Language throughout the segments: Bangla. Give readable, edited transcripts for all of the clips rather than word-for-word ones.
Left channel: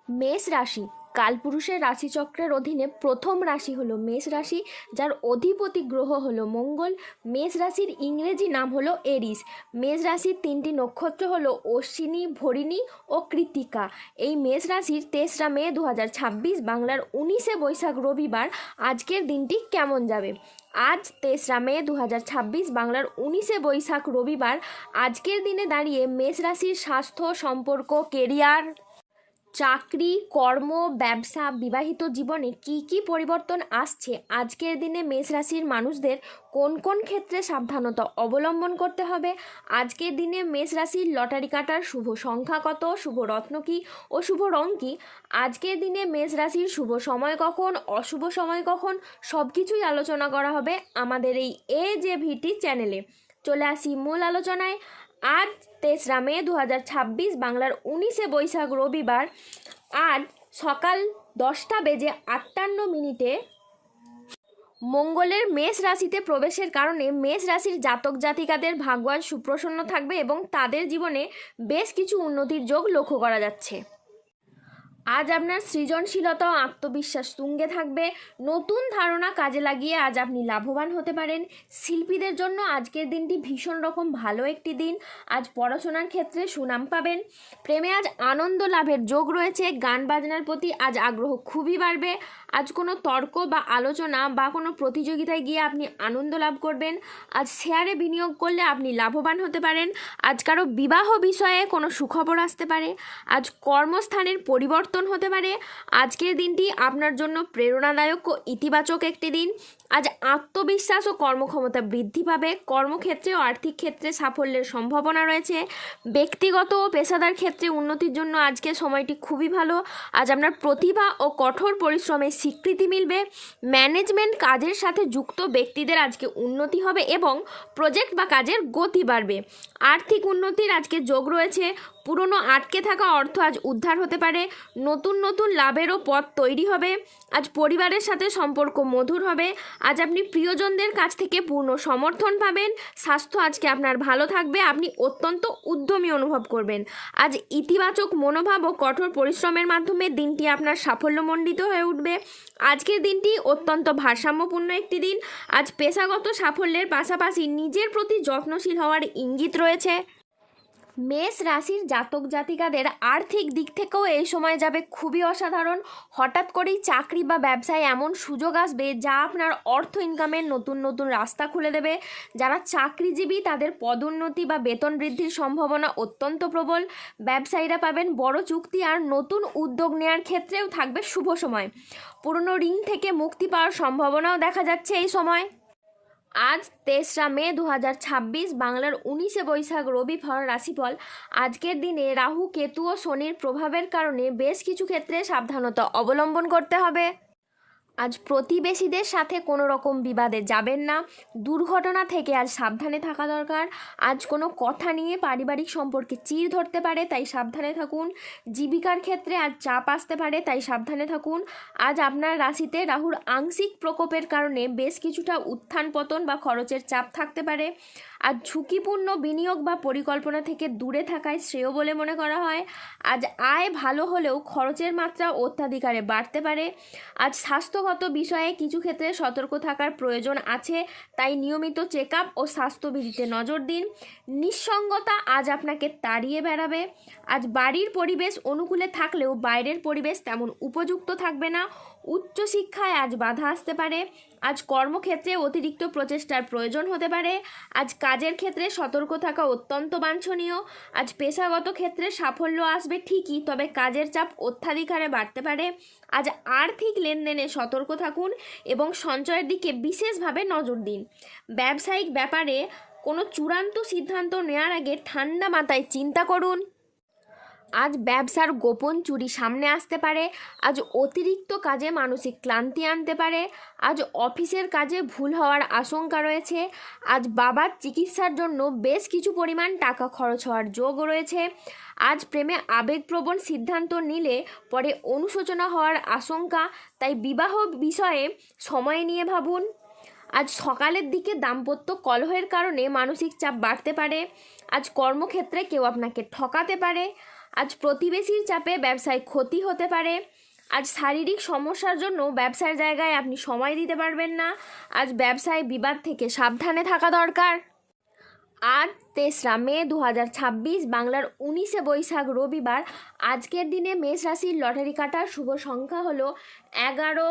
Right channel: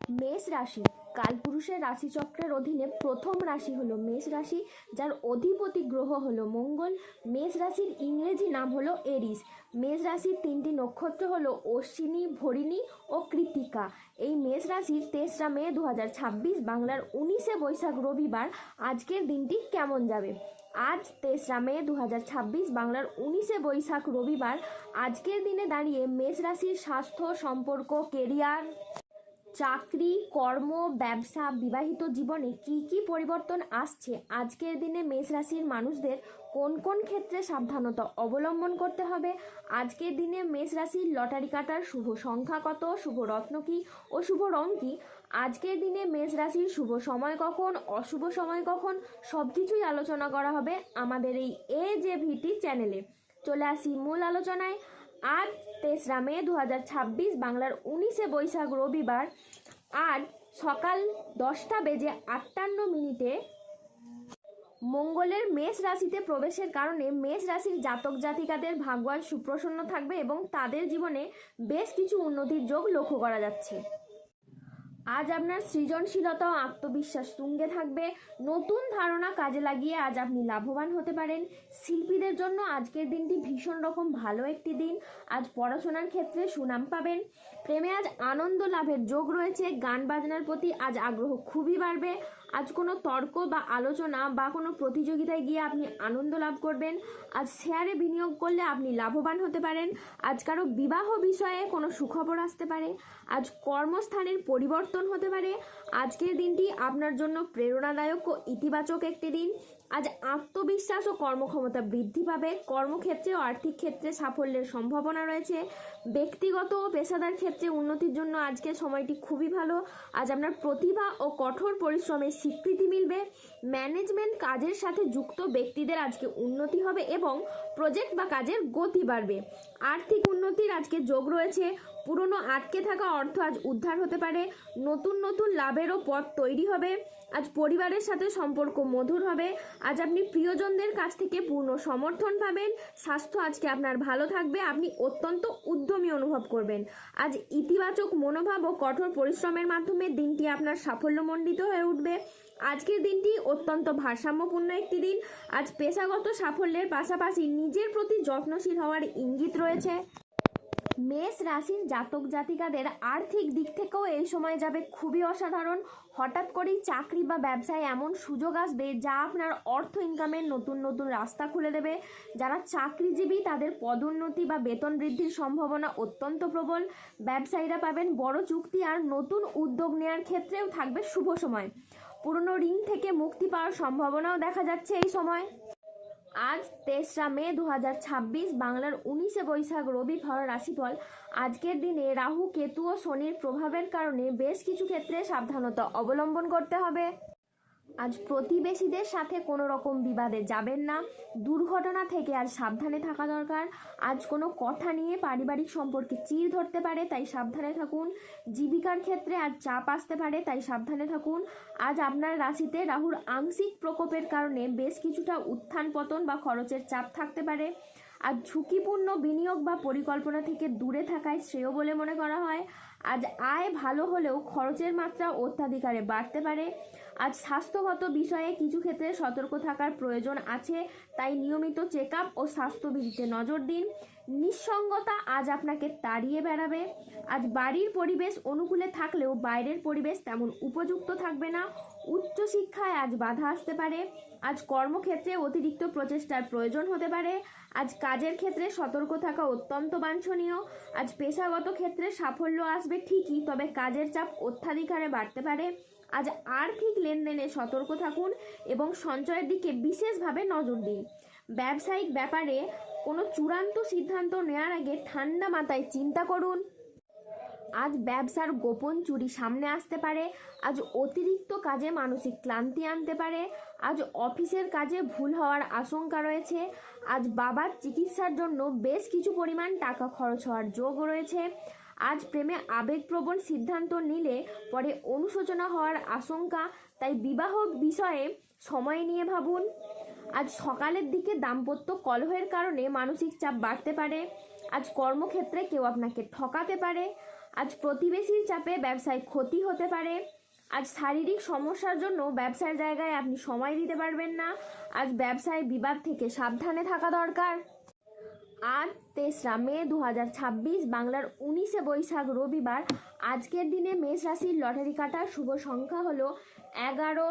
মেষ রাশি কালপুরুষের রাশিচক্রের অধীনে প্রথম রাশি হলো মেষ রাশি, যার অধিপতি গ্রহ হলো মঙ্গল। মেষ রাশির ইংরেজি নাম হলো এরিস। মেষ রাশির তিনটি নক্ষত্র হলো অশ্বিনী, ভরিণী ও কৃত্তিকা। এই মেষ রাশির 3রা মে 2026 বাংলার 19শে বৈশাখ রবিবার আজকের দিনটি কেমন যাবে? আজ 3রা মে 2026 বাংলার 19শে বৈশাখ রবিবার আজকের দিনে দাঁড়িয়ে মেষ রাশির স্বাস্থ্য, সম্পর্ক, কেরিয়ার, চাকরি, কর্ম, ব্যবসা, বিবাহিত জীবনে কি কি পরিবর্তন আসছে, আজকের দিনে মেষ রাশির মানুষদের কোন কোন ক্ষেত্রে সাবধানতা অবলম্বন করতে হবে, আজকের দিনে মেষ রাশির লটারি কাটার শুভ সংখ্যা কত, শুভ রত্ন কী ও শুভ রং কী, আজকের দিনে মেষ রাশির শুভ সময় কখন, অশুভ সময় কখন, সব কিছুই আলোচনা করা হবে আমাদের এই AJVT চ্যানেলে। চলে আসি মূল আলোচনায়। আজ 3রা মে 2026 বাংলার 19শে বৈশাখ রবিবার আজ সকাল 10:58 মঙ্গলের মেষ রাশিতে প্রবেশের কারণে মেষ রাশির জাতক জাতিকাদের ভাগ্য আজ সুপ্রসন্ন থাকবে এবং তাদের জীবনে বেশ কিছু উন্নতির যোগ লক্ষ্য করা যাচ্ছে। আজ আপনার সৃজনশীলতা ও আত্মবিশ্বাস তুঙ্গে থাকবে। নতুন ধারণা কাজে লাগিয়ে আজ আপনি লাভবান হতে পারেন। শিল্পীদের জন্য আজকের দিনটি ভীষণ রকম ভালো একটি দিন। আজ পড়াশোনার ক্ষেত্রে সুনাম পাবেন। প্রেমে আজ আনন্দ লাভের যোগ রয়েছে। গান বাজনার প্রতি আজ আগ্রহ খুবই বাড়বে। আজ কোনো তর্ক বা আলোচনা বা কোনো প্রতিযোগিতায় গিয়ে আপনি আনন্দ লাভ করবেন। আজ শেয়ারে বিনিয়োগ করলে আপনি লাভবান হতে পারেন। আজ কারো বিবাহ বিষয়ে কোনো সুখবর আসতে পারে। আজ কর্মস্থানের পরিবর্তন হতে পারে। আজকের দিনটি আপনার জন্য প্রেরণাদায়ক ও ইতিবাচক একটি দিন। আজ আত্মবিশ্বাস ও কর্মক্ষমতা বৃদ্ধি পাবে। কর্মক্ষেত্রে ও আর্থিক ক্ষেত্রে সাফল্যের সম্ভাবনা রয়েছে। ব্যক্তিগত ও পেশাদার ক্ষেত্রে উন্নতির জন্য আজকের সময়টি খুবই ভালো। আজ আপনার প্রতিভা ও কঠোর পরিশ্রমের স্বীকৃতি মিলবে। ম্যানেজমেন্ট কাজের সাথে যুক্ত ব্যক্তিদের আজকে উন্নতি হবে এবং প্রজেক্ট বা কাজের গতি বাড়বে। আর্থিক উন্নতির আজকে যোগ রয়েছে। পুরনো আটকে থাকা অর্থ আজ উদ্ধার হতে পারে। নতুন নতুন লাভেরও পথ তৈরি হবে। আজ পরিবারের সাথে সম্পর্ক মধুর হবে। আজ আপনি প্রিয়জনদের কাছ থেকে পূর্ণ সমর্থন পাবেন। স্বাস্থ্য আজকে আপনার ভালো থাকবে। আপনি অত্যন্ত উদ্যমী অনুভব করবেন। আজ ইতিবাচক মনোভাব ও কঠোর পরিশ্রমের মাধ্যমে দিনটি আপনার সাফল্যমণ্ডিত হয়ে উঠবে। আজকের দিনটি অত্যন্ত ভারসাম্যপূর্ণ একটি দিন। আজ পেশাগত সাফল্যের পাশাপাশি নিজের প্রতি যত্নশীল হওয়ার ইঙ্গিত রয়েছে। মেষ রাশির জাতক জাতিকাদের আর্থিক দিক থেকেও এই সময় যাবে খুবই অসাধারণ। হঠাৎ করেই চাকরি বা ব্যবসায় এমন সুযোগ আসবে যা আপনার অর্থ ইনকামের নতুন নতুন রাস্তা খুলে দেবে। যারা চাকরিজীবী তাদের পদোন্নতি বা বেতন বৃদ্ধির সম্ভাবনা অত্যন্ত প্রবল। ব্যবসায়ীরা পাবেন বড় চুক্তি আর নতুন উদ্যোগ নেওয়ার ক্ষেত্রেও থাকবে শুভ সময়। পুরনো ঋণ থেকে মুক্তি পাওয়ার সম্ভাবনাও দেখা যাচ্ছে এই সময়। আজ 3রা মে 2026 বাংলার 19শে বৈশাখ রবিবার রাশিফল। আজকের দিনে রাহু, কেতু ও শনির প্রভাবের কারণে বেশ কিছু ক্ষেত্রে সাবধানতা অবলম্বন করতে হবে। আজ প্রতিবেশীদের সাথে কোনো রকম বিবাদে যাবেন না। দুর্ঘটনা থেকে আজ সাবধানে থাকা দরকার। আজ কোনো কথা নিয়ে পারিবারিক সম্পর্কে চির ধরতে পারে, তাই সাবধানে থাকুন। জীবিকার ক্ষেত্রে আজ চাপ আসতে পারে, তাই সাবধানে থাকুন। আজ আপনার রাশিতে রাহুর আংশিক প্রকোপের কারণে বেশ কিছুটা উত্থান পতন বা খরচের চাপ থাকতে পারে। আজ ঝুঁকিপূর্ণ বিনিয়োগ বা পরিকল্পনা থেকে দূরে থাকায় শ্রেয় বলে মনে করা হয়। আজ আয় ভালো হলেও খরচের মাত্রা অত্যাধিকারে বাড়তে পারে। আজ স্বাস্থ্যগত বিষয়ে কিছু ক্ষেত্রে সতর্ক থাকার প্রয়োজন আছে, তাই নিয়মিত চেক আপ ও স্বাস্থ্যবিধিতে নজর দিন। নিঃসঙ্গতা আজ আপনাকে তাড়িয়ে বেড়াবে। আজ বাড়ির পরিবেশ অনুকূলে থাকলেও বাইরের পরিবেশ তেমন উপযুক্ত থাকবে না। উচ্চশিক্ষায় আজ বাধা আসতে পারে। আজ কর্মক্ষেত্রে অতিরিক্ত প্রচেষ্টার প্রয়োজন হতে পারে। আজ কাজের ক্ষেত্রে সতর্ক থাকা অত্যন্ত বাঞ্ছনীয়। আজ পেশাগত ক্ষেত্রে সাফল্য আসবে ঠিকই, তবে কাজের চাপ অত্যাধিক হারে বাড়তে পারে। আজ আর্থিক লেনদেনে সতর্ক থাকুন এবং সঞ্চয়ের দিকে বিশেষভাবে নজর দিন। ব্যবসায়িক ব্যাপারে কোনো চূড়ান্ত সিদ্ধান্ত নেওয়ার আগে ঠান্ডা মাথায় চিন্তা করুন। আজ ব্যবসার গোপন চুরি সামনে আসতে পারে। আজ অতিরিক্ত কাজে মানসিক ক্লান্তি আনতে পারে। আজ অফিসের কাজে ভুল হওয়ার আশঙ্কা রয়েছে। আজ বাবার চিকিৎসার জন্য বেশ কিছু পরিমাণ টাকা খরচ হওয়ার যোগ রয়েছে। আজ প্রেমে আবেগপ্রবণ সিদ্ধান্ত নিলে পরে অনুশোচনা হওয়ার আশঙ্কা, তাই বিবাহ বিষয়ে সময় নিয়ে ভাবুন। আজ সকালের দিকে দাম্পত্য কলহের কারণে মানসিক চাপ বাড়তে পারে। আজ কর্মক্ষেত্রে কেউ আপনাকে ঠকাতে পারে। আজ প্রতিবেশীর চাপে ব্যবসায় ক্ষতি হতে পারে। আজ শারীরিক সমস্যার জন্য ব্যবসার জায়গায় আপনি সময় দিতে পারবেন না। আজ ব্যবসায় বিবাদ থেকে সাবধানে থাকা দরকার। আজ 3রা মে 2026 বাংলার 19শে বৈশাখ রবিবার। আজকের দিনে মেষ রাশির লটারি কাটার শুভ সংখ্যা হলো 11,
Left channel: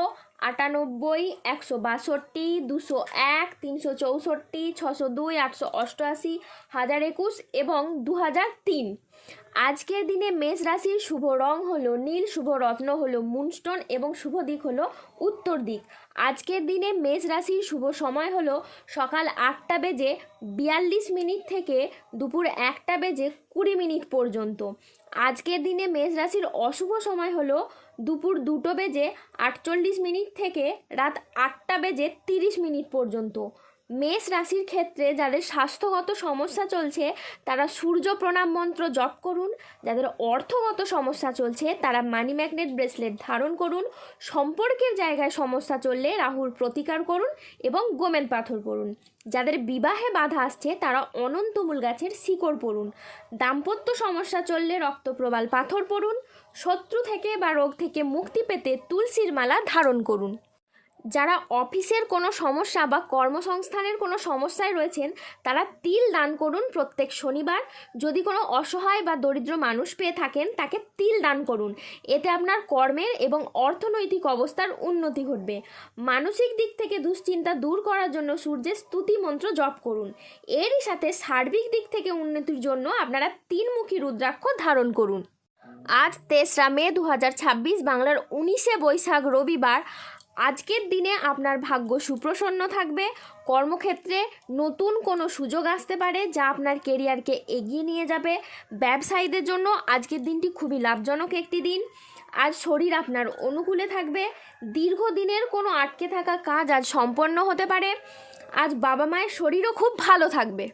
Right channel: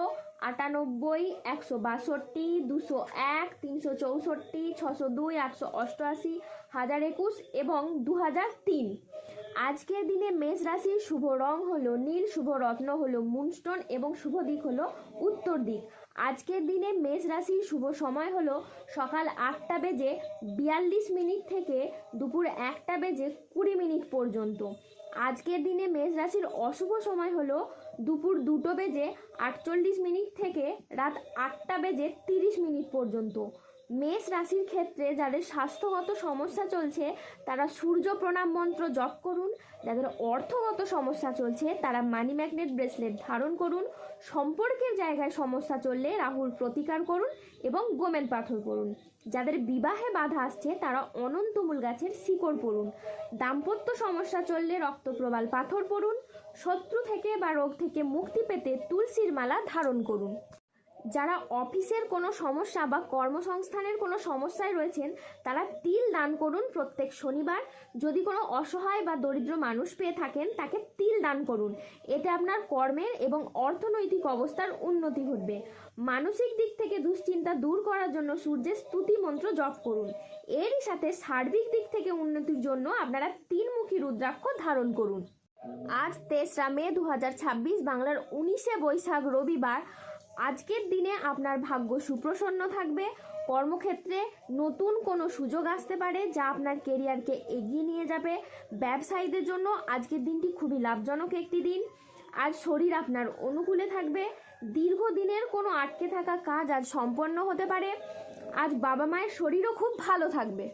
98, 162, 201, 364, 602, 888, 1021 এবং 2003। আজকের দিনে মেষ রাশির শুভ রং হলো নীল, শুভ রত্ন হলো মুনস্টোন এবং শুভ দিক হলো উত্তর দিক। আজকের দিনে মেষ রাশির শুভ সময় হলো সকাল 8:42 থেকে দুপুর 1:20 পর্যন্ত। আজকের দিনে মেষ রাশির অশুভ সময় হলো দুপুর 2:48 থেকে রাত 8:30 পর্যন্ত। মেষ রাশির ক্ষেত্রে যাদের স্বাস্থ্যগত সমস্যা চলছে তারা সূর্য প্রণাম মন্ত্র জপ করুন। যাদের অর্থগত সমস্যা চলছে তারা মানি ম্যাগনেট ব্রেসলেট ধারণ করুন। সম্পর্কের জায়গায় সমস্যা চললে রাহুর প্রতিকার করুন এবং গোমেদ পাথর পড়ুন। যাদের বিবাহে বাধা আসছে তারা অনন্তমূল গাছের শিকড় পড়ুন। দাম্পত্য সমস্যা চললে রক্তপ্রবাল পাথর পড়ুন। শত্রু থেকে বা রোগ থেকে মুক্তি পেতে তুলসীর মালা ধারণ করুন। যারা অফিসের কোনো সমস্যা বা কর্মসংস্থানের কোনো সমস্যায় রয়েছেন তারা তিল দান করুন প্রত্যেক শনিবার। যদি কোনো অসহায় বা দরিদ্র মানুষ পেয়ে থাকেন তাকে তিল দান করুন। এতে আপনার কর্মের এবং অর্থনৈতিক অবস্থার উন্নতি ঘটবে। মানসিক দিক থেকে দুশ্চিন্তা দূর করার জন্য সূর্যের স্তুতি মন্ত্র জপ করুন। এরই সাথে সার্বিক দিক থেকে উন্নতির জন্য আপনারা 3মুখী রুদ্রাক্ষ ধারণ করুন। আজ 3রা মে 2026 বাংলার 19শে বৈশাখ রবিবার। আজকের দিনে আপনার ভাগ্য সুপ্রসন্ন থাকবে। কর্মক্ষেত্রে নতুন কোনো সুযোগ আসতে পারে যা আপনার কেরিয়ারকে এগিয়ে নিয়ে যাবে। ব্যবসায়ীদের জন্য আজকের দিনটি খুবই লাভজনক একটি দিন। আজ শরীর আপনার অনুকূলে থাকবে। দীর্ঘদিনের কোনো আটকে থাকা কাজ আজ সম্পন্ন হতে পারে। আজ বাবা মায়ের শরীরও খুব ভালো থাকবে।